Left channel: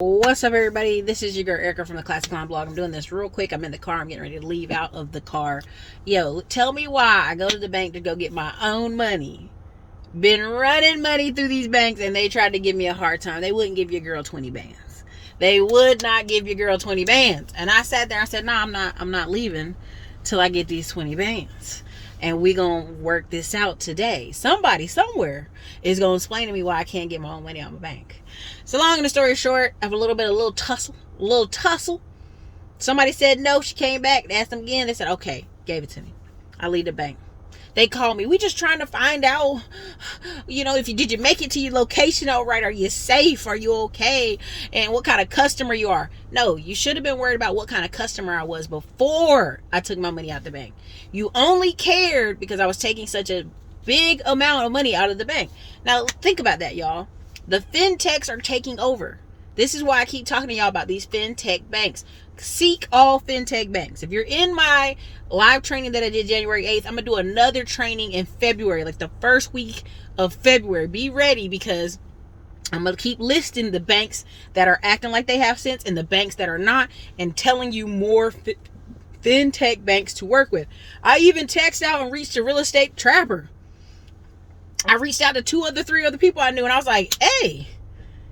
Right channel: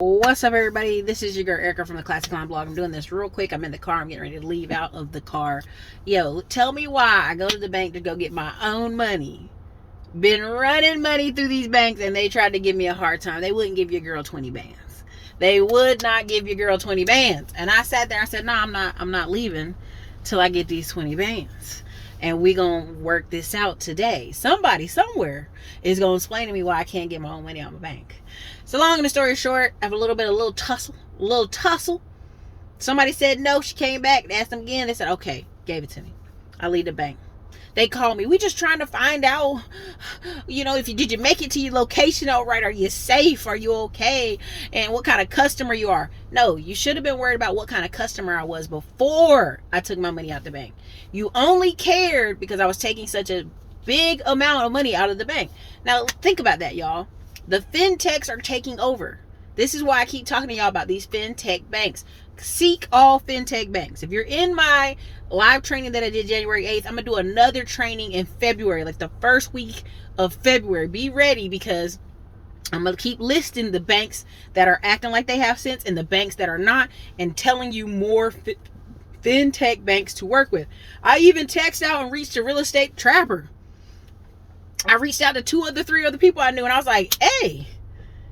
What's up, everybody? This is your girl Erica from the Classic Line blog. I'm doing this real quick. I'm in the car. I'm getting ready to leave out of the car. Yo, tell me why I go to the bank to go get my own money. Been running money through these banks, and they tried to give me a hard time. They wouldn't give your girl 20 bands. They would not give your girl 20 bands. And I sat there and said, no, I'm not leaving till I get these 20 bands. And we gonna work this out today. Somebody somewhere is gonna explain to me why I can't get my own money out of my bank. So long and the story short, I have a little tussle. Somebody said no, she came back, they asked them again, they said, okay, gave it to me. I leave the bank. They called me. We just trying to find out, did you make it to your location all right? Are you safe? Are you okay? And what kind of customer you are. No, you should have been worried about what kind of customer I was before I took my money out the bank. You only cared because I was taking such a big amount of money out of the bank. Now, think about that, y'all. The fintechs are taking over. This is why I keep talking to y'all about these fintech banks. Seek all fintech banks. If you're in my live training that I did January 8th, I'm going to do another training in February, like the first week of February. Be ready because I'm going to keep listing the banks that are acting like they have sense and the banks that are not, and telling you more fintech banks to work with. I even texted out and reached a real estate trapper. I reached out to 3 other people I knew, and I was like, hey,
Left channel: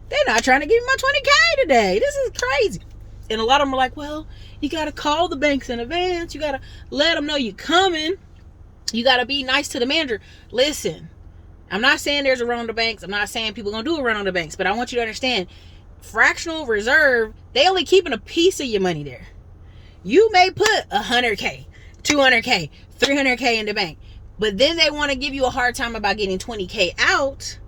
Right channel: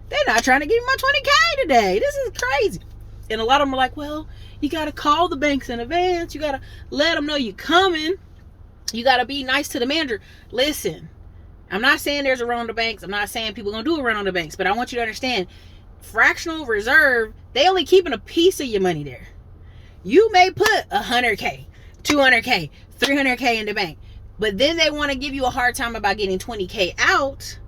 they're not trying to give me my 20K today. This is crazy. And a lot of them are like, well, you got to call the banks in advance. You got to let them know you coming. You got to be nice to the manager. Listen, I'm not saying there's a run on the banks. I'm not saying people going to do a run on the banks. But I want you to understand, fractional reserve, they only keeping a piece of your money there. You may put 100K, 200K, 300K in the bank. But then they want to give you a hard time about getting 20K out,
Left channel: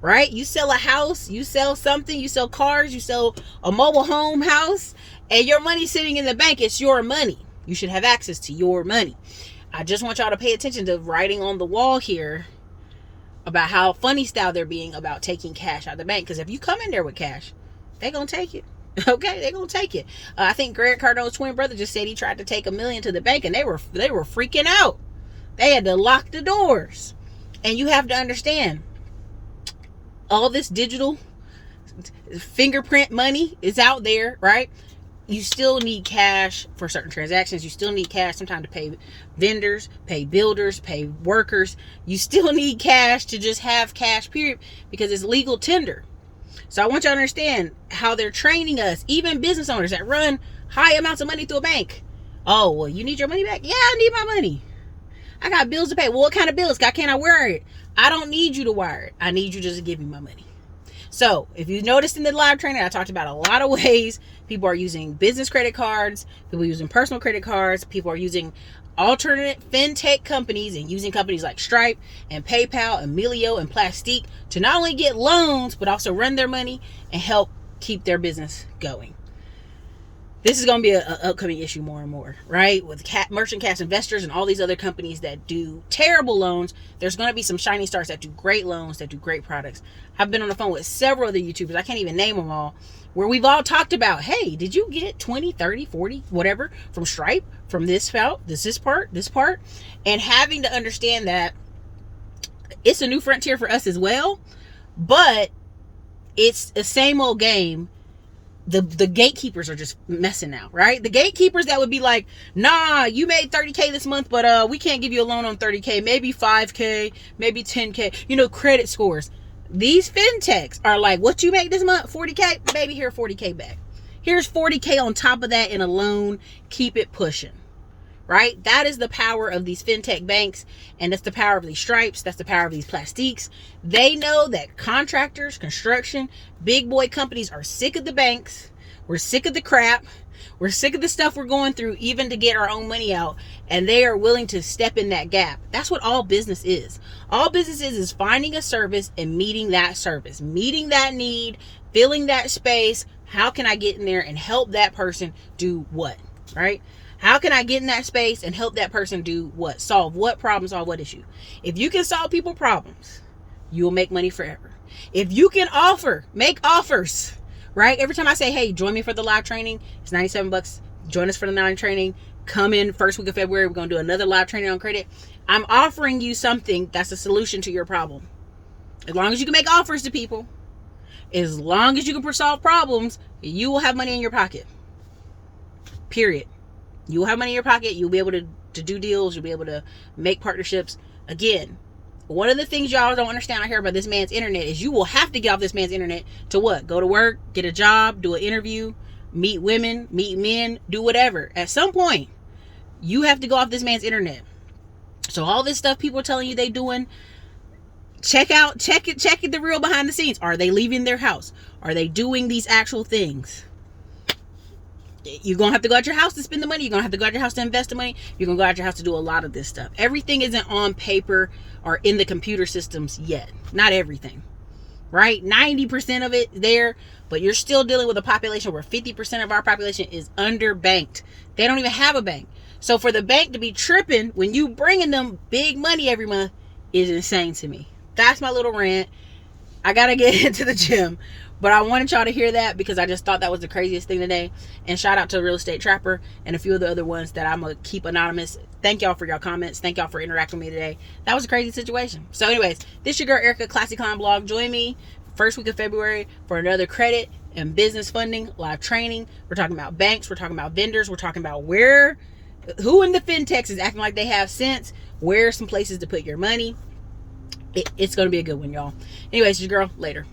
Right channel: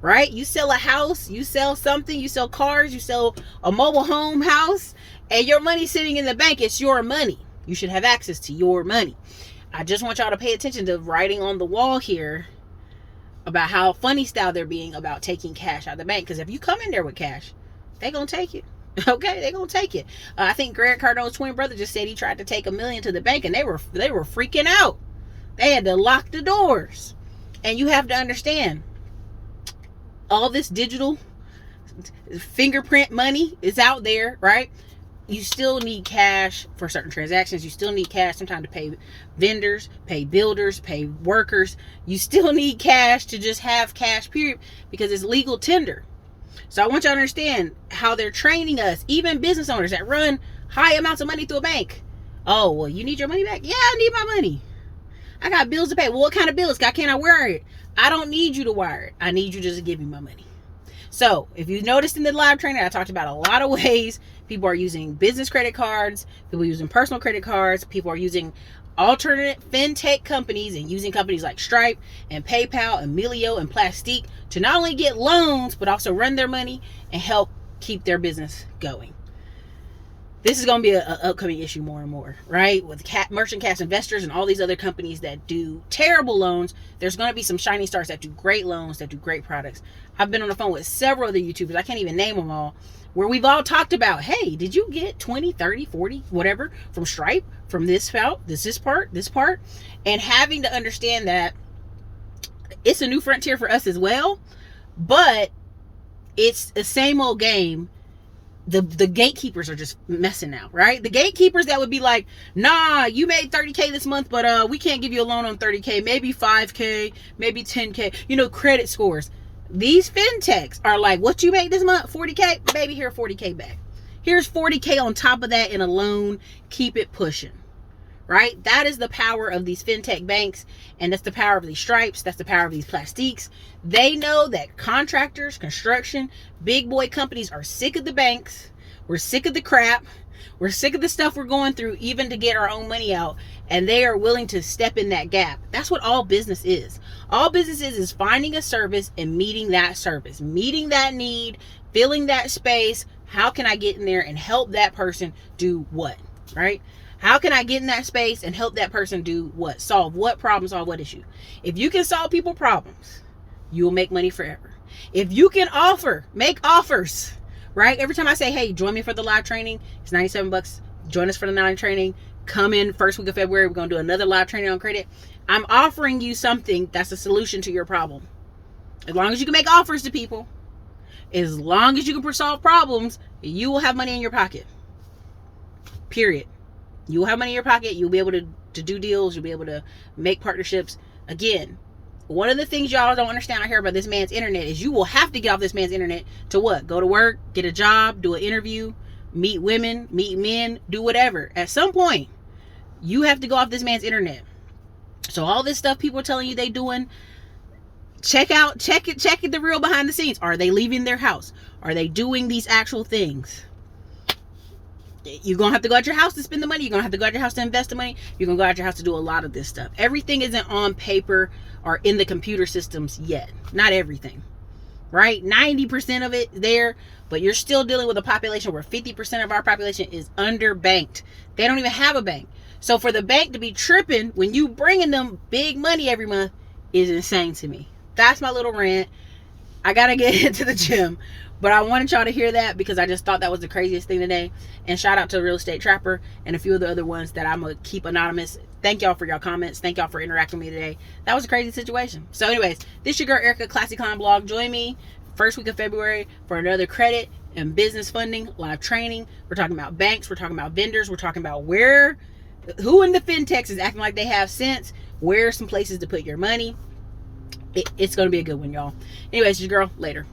right? You sell a house, you sell something, you sell cars, you sell a mobile home house, and your money's sitting in the bank. It's your money. You should have access to your money. I just want y'all to pay attention to writing on the wall here about how funny style they're being about taking cash out of the bank. Because if you come in there with cash, they're going to take it. Okay, they're going to take it. I think Greg Cardone's twin brother just said he tried to take $1 million to the bank, and they were freaking out. They had to lock the doors. And you have to understand, all this digital fingerprint money is out there, right? You still need cash for certain transactions. You still need cash sometimes to pay vendors, pay builders, pay workers. You still need cash to just have cash, period, because it's legal tender. So I want you to understand how they're training us, even business owners that run high amounts of money through a bank. Oh, well, you need your money back? Yeah, I need my money. I got bills to pay. Well, what kind of bills? Can't I wire it? I don't need you to wire it. I need you just to give me my money. So if you noticed in the live training, I talked about a lot of ways people are using business credit cards, people are using personal credit cards, people are using alternate fintech companies and using companies like Stripe and PayPal and Melio and Plastique to not only get loans, but also run their money and help keep their business going. This is going to be an upcoming issue more and more, right? With merchant cash investors and all these other companies that do terrible loans, there's going to be some shining stars that do great loans, that do great products. I've been on the phone with several other YouTubers, I can't even name them all, where we've all talked about, hey, did you get 20, 30, 40, whatever, from Stripe, from this part, and having to understand that it's a new frontier for us as well, but it's the same old game. The gatekeepers are just messing now, right? The gatekeepers that would be like, nah, you made 30K this month, but we can't give you a loan on 30K, maybe 5K, maybe 10K, credit scores. These fintechs are like, what you make this month? 40K? Baby, here, 40K back. Here's 40K on top of that in a loan. Keep it pushing, right? That is the power of these fintech banks, and that's the power of these Stripes. That's the power of these Plastiques. They know that contractors, construction, big boy companies are sick of the banks. We're sick of the crap. We're sick of the stuff we're going through even to get our own money out. And they are willing to step in that gap. That's what all business is. All business is finding a service and meeting that service, meeting that need, filling that space. How can I get in there and help that person do what, right? How can I get in that space and help that person do what? Solve what problem, solve what issue? If you can solve people problems, you will make money forever. If you can make offers, right? Every time I say, hey, join me for the live training, it's $97. Join us for the live training. Come in first week of February. We're going to do another live training on credit. I'm offering you something that's a solution to your problem. As long as you can make offers to people. As long as you can solve problems, you will have money in your pocket. Period. You will have money in your pocket. You'll be able to do deals. You'll be able to make partnerships. Again, one of the things y'all don't understand out here about this man's internet is you will have to get off this man's internet to what? Go to work, get a job, do an interview, meet women, meet men, do whatever. At some point, you have to go off this man's internet. So all this stuff people are telling you they doing, check it, the real behind the scenes. Are they leaving their house? Are they doing these actual things? You're going to have to go out your house to spend the money. You're going to have to go out your house to invest the money. You're going to go out your house to do a lot of this stuff. Everything isn't on paper or in the computer systems yet. Not everything, right? 90% of it there, but you're still dealing with a population where 50% of our population is underbanked. They don't even have a bank. So for the bank to be tripping when you bringing them big money every month is insane to me. That's my little rant. I got to get into the gym. But I wanted y'all to hear that because I just thought that was the craziest thing today. And shout out to Real Estate Trapper and a few of the other ones that I'm going to keep anonymous. Thank y'all for your comments. Thank y'all for interacting with me today. That was a crazy situation. So anyways, this your girl Erica, Classy Climb Blog. Join me first week of February for another credit and business funding live training. We're talking about banks. We're talking about vendors. We're talking about who in the FinTechs is acting like they have sense. Where are some places to put your money? It's going to be a good one, y'all. Anyways, your girl, later.